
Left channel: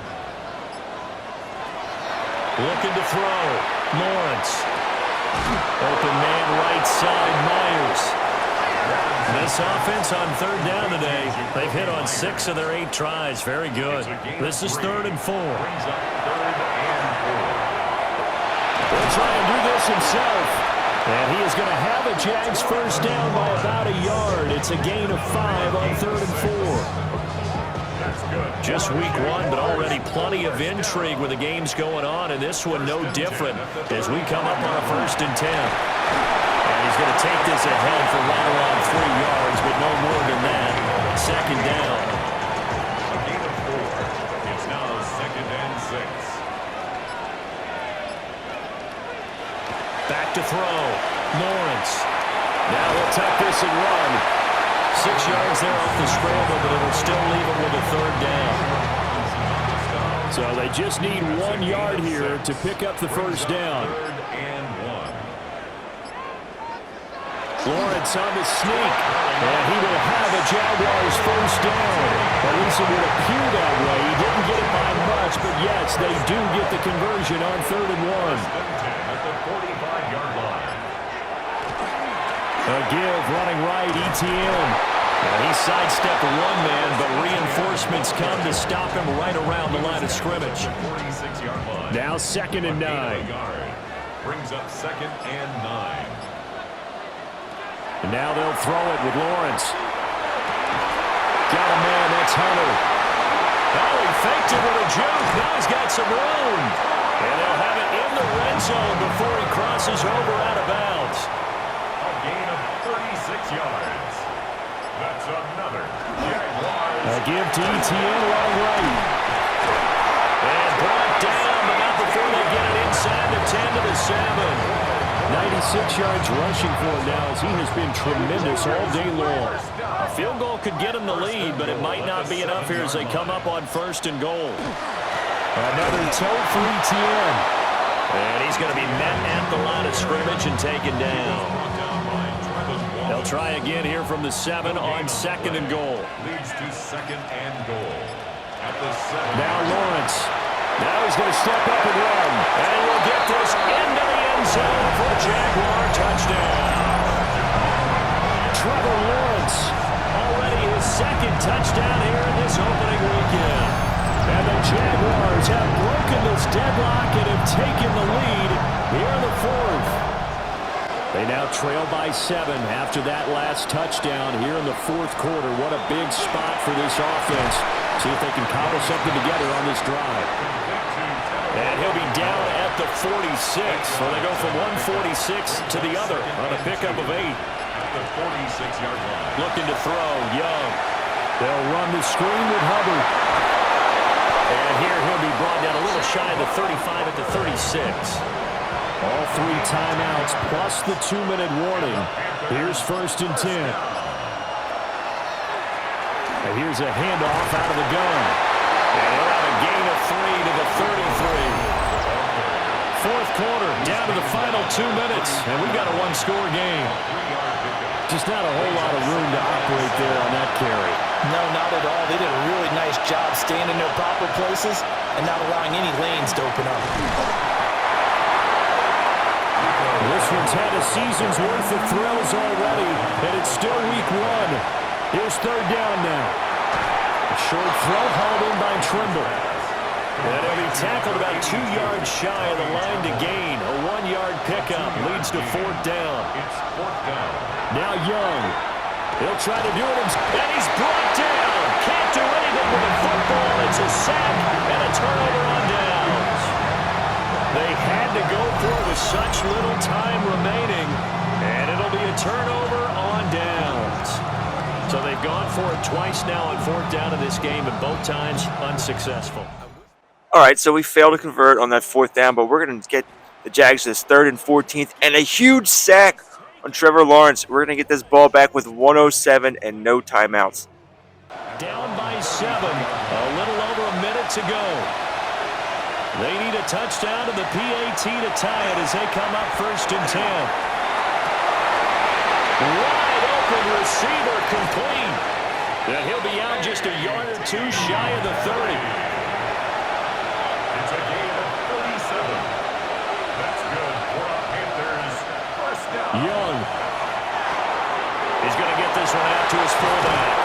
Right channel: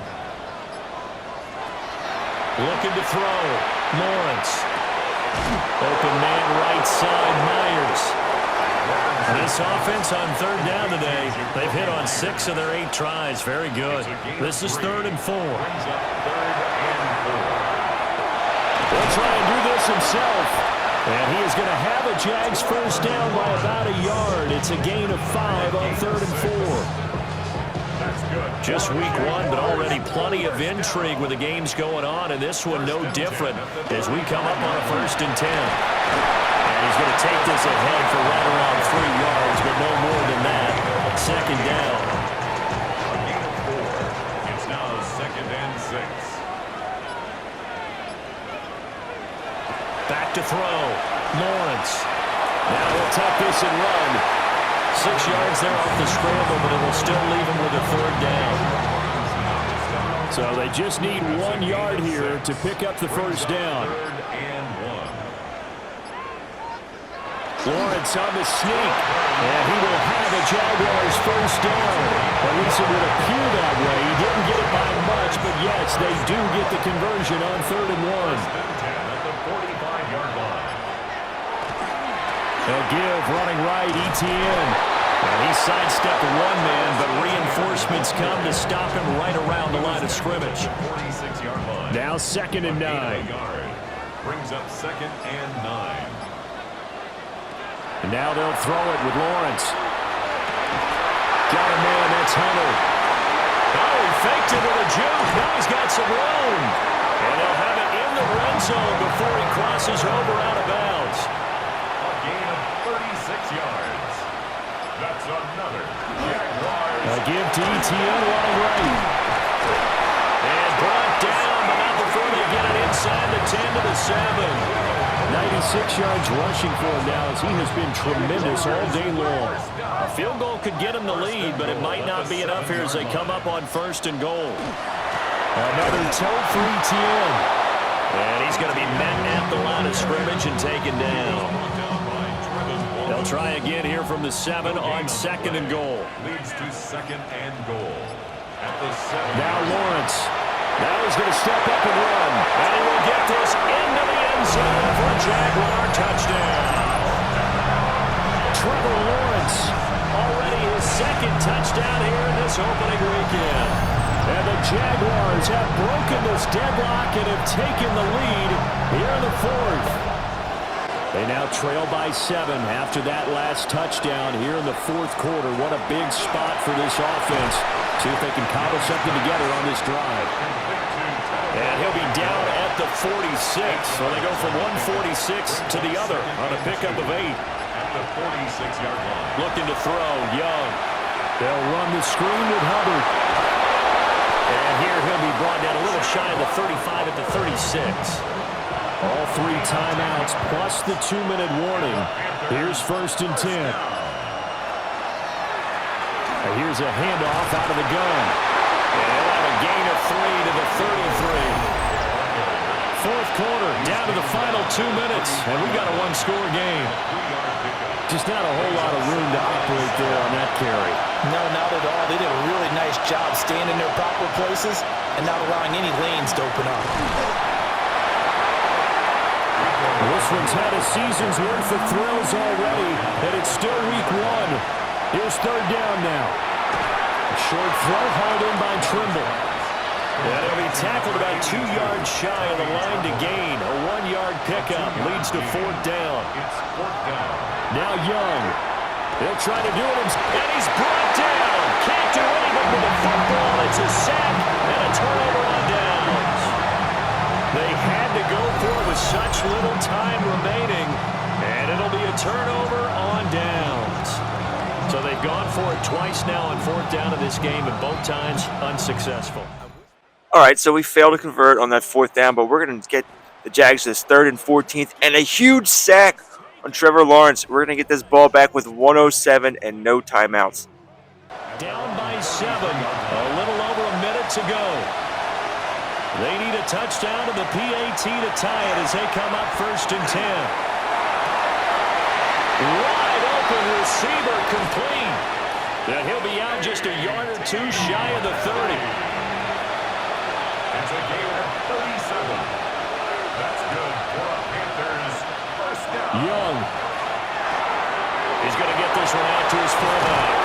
Looking to throw. Lawrence. Open man right side, Myers. This offense on third down today, they've hit on 6 of their 8 tries. Very good. This is 3rd and 4. Brings up 3rd and 4. He'll try and do this himself. And he is going to have a Jags first down by about a yard. It's a gain of 5 on 3rd and 4. Just week 1, but already plenty of intrigue with the games going on, and this one no different as we come up on a 1st and 10. And he's going to take this ahead for right around 3 yards, but no more than that. 2nd down. A gain of 4. It's now 2nd and 6. Back to throw. Lawrence. Now he'll tuck this and run. 6 yards there off the scramble, but it'll still leave him with a 3rd down. So they just need 1 yard here to pick up the first down. 3rd and 1. Lawrence on the sneak, and he will have a Jaguars first down. At least it would appear that way. He didn't get it by much, but yes, they do get the conversion on 3rd and 1. 1st and 10 at the 45-yard line. They'll give running right, Etienne. And he sidestepped 1 man, but reinforcements come to stop him right around the line of scrimmage. 46-yard line. Now 2nd and 9. Brings up 2nd and 9. And now they'll throw it with Lawrence. Got a man, that's Hunter. Oh, he faked it with a juke. Now he's got some room. And they'll have it in the red zone before he crosses over out of bounds. A gain of 36 yards. That's another Jaguars. A give to Etienne running right. And brought down, but not before they get it inside the 10 to the 7. 96 yards rushing for him now as he has been tremendous all day long. A field goal could get him the lead, but it might not be enough here as they come up on 1st and goal. Another toe for Etienne. And he's going to be met at the line of scrimmage and taken down. They'll try again here from the 7 on 2nd and goal. Leads to 2nd and goal. At the 7. Now Lawrence. Now he's going to step up and run. And he will get this into the end zone for a Jaguar touchdown. Trevor Lawrence, already his 2nd touchdown here in this opening weekend. And the Jaguars have broken this deadlock and have taken the lead here in the 4th. They now trail by 7 after that last touchdown here in the 4th quarter. What a big spot for this offense. See if they can cobble something together on this drive. And he'll be down at the 46. So they go from 146 to the other on a pickup of 8. At the 46-yard line. Looking to throw, Young. They'll run the screen with Hubbard. And here he'll be brought down a little shy of the 35 at the 36. All 3 timeouts plus the 2-minute warning. Here's 1st and 10. And here's a handoff out of the gun. And he'll have a gain of 3 to the 33. 4th quarter, down to the final 2 minutes. And we got a 1-score game. Just not a whole lot of room to operate there on that carry. No, not at all. They did a really nice job staying in their proper places and not allowing any lanes to open up. This one's had a season's worth of thrills already, and it's still week 1. Here's 3rd down now. A short throw hauled in by Trimble. And he'll be tackled about 2 yards shy of the line to gain. A 1-yard pickup leads to 4th down. It's 4th down. Now Young. He'll try to do it himself. And he's brought down. Can't do anything with the football. It's a sack and a turnover on downs. They had to go for it with such little time remaining. And it'll be a turnover on downs. So they've gone for it twice now on 4th down in this game, and both times unsuccessful. All right, so we failed to convert on that 4th down, but we're going to get the Jags this 3rd and 14th, and a huge sack on Trevor Lawrence. We're going to get this ball back with 1:07 and no timeouts. Down by 7, a little over a minute to go. They need a touchdown to the PAT to tie it as they come up 1st and 10. Wide open receiver complete. And he'll be out just a yard or two shy of the 30. It's a gain of 37. That's good for a Panthers first down. Young. He's going to get this one out to his fullback.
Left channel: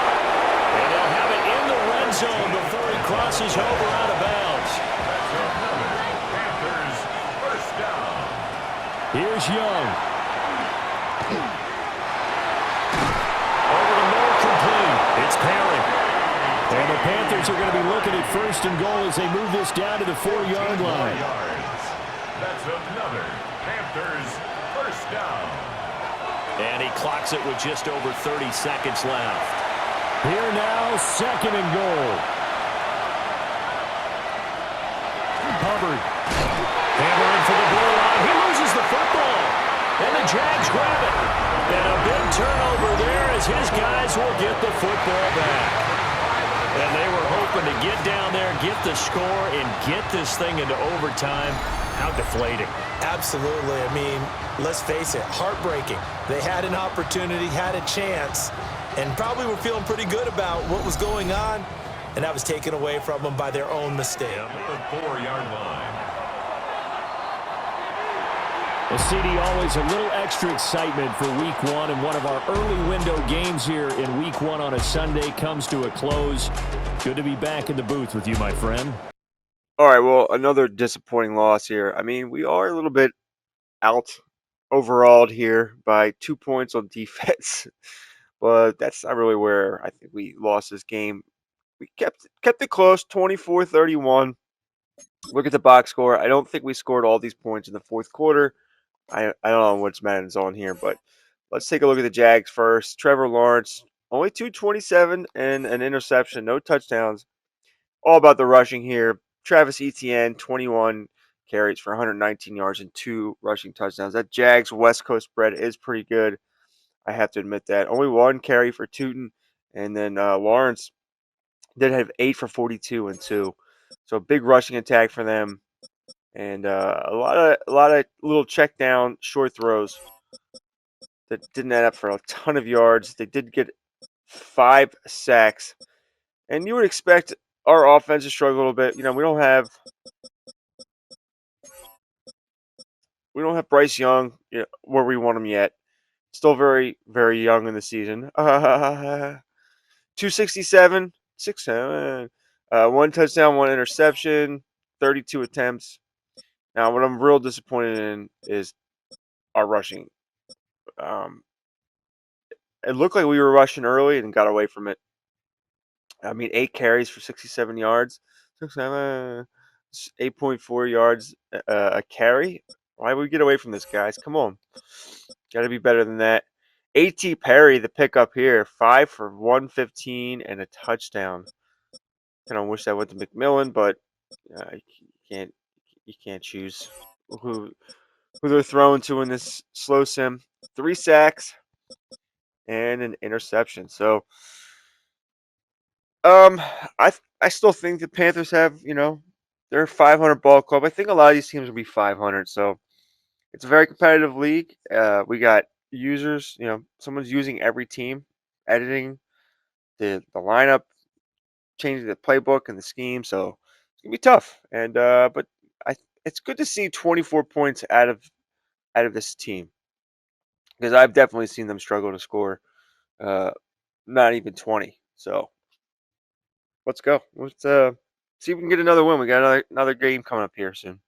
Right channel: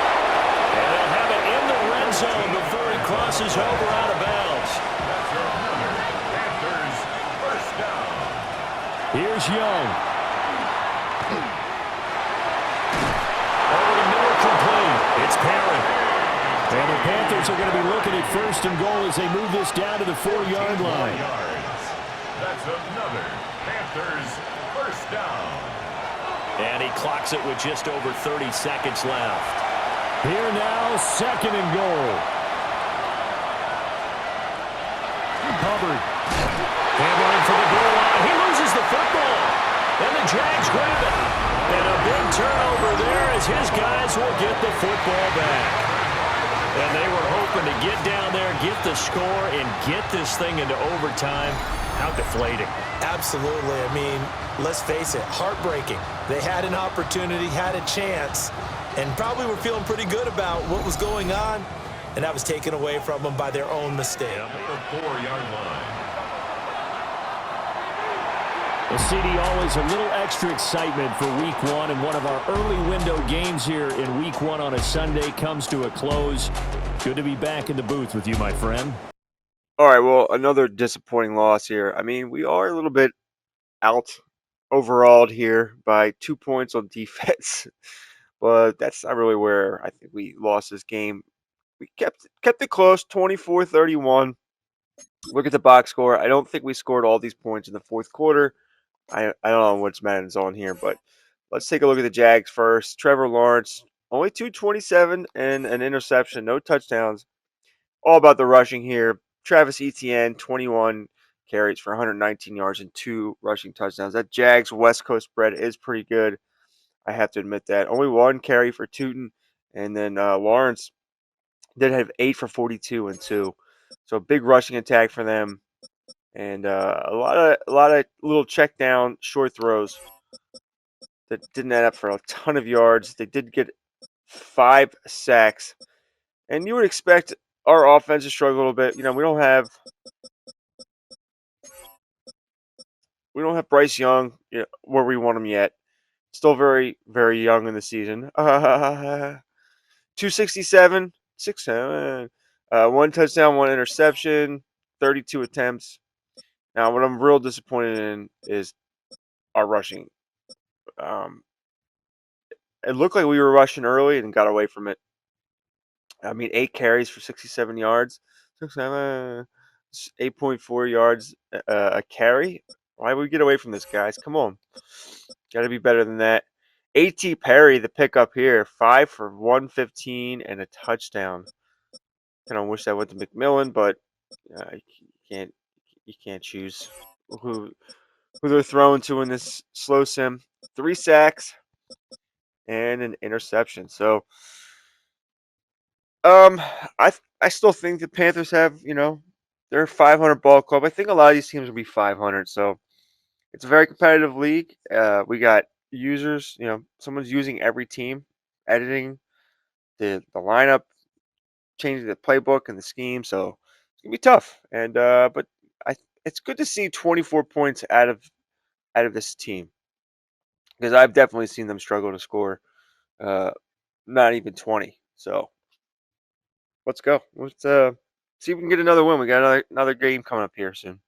And they'll have it in the red zone before he crosses over out of bounds. That's another Panthers first down. Here's Young. Over the middle, complete. It's Perry. And the Panthers are going to be looking at first and goal as they move this down to the 4-yard line. That's another Panthers first down. And he clocks it with just over 30 seconds left. Here now, second and goal. Hubbard. Hammering for the goal line. He loses the football. And the Jags grab it. And a big turnover there as his guys will get the football back. And they were hoping to get down there, get the score, and get this thing into overtime. How deflating. Absolutely. I mean, let's face it, heartbreaking. They had an opportunity, had a chance, and probably were feeling pretty good about what was going on, and that was taken away from them by their own mistake. At the 4-yard line. Well, CD, always a little extra excitement for Week 1, and one of our early window games here in Week 1 on a Sunday comes to a close. Good to be back in the booth with you, my friend. All right, well, another disappointing loss here. I mean, we are a little bit out overall here by 2 points on defense, but that's not really where I think we lost this game. We kept it close, 24-31. Look at the box score. I don't think we scored all these points in the fourth quarter. I don't know what's Madden's on here, but let's take a look at the Jags first. Trevor Lawrence, only 227 and an interception, no touchdowns. All about the rushing here. Travis Etienne, 21 carries for 119 yards and 2 rushing touchdowns. That Jags West Coast spread is pretty good. I have to admit that. Only 1 carry for Tootin, and then Lawrence did have 8 for 42 and 2. So big rushing attack for them. And a lot of little check down short throws that didn't add up for a ton of yards. They did get 5 sacks, and you would expect our offense to struggle a little bit. You know, we don't have Bryce Young, you know, where we want him yet. Still very, very young in the season. 267, 6-7, 1 touchdown, 1 interception, 32 attempts. Now, what I'm real disappointed in is our rushing. It looked like we were rushing early and got away from it. I mean, 8 carries for 67 yards, 8.4 yards a carry. Why would we get away from this, guys? Come on. Got to be better than that. A.T. Perry, the pickup here, 5 for 115 and a touchdown. Kind of wish that went to McMillan, but you can't choose who they're throwing to in this slow sim. 3 sacks and an interception. So, I still think the Panthers have, you know, they're a 500 ball club. I think a lot of these teams will be 500. So it's a very competitive league. We got users, you know, someone's using every team, editing the lineup, changing the playbook and the scheme. So it's gonna be tough. And but it's good to see 24 points out of this team, because I've definitely seen them struggle to score. Not even 20. So let's go. Let's see if we can get another win. We got another game coming up here soon.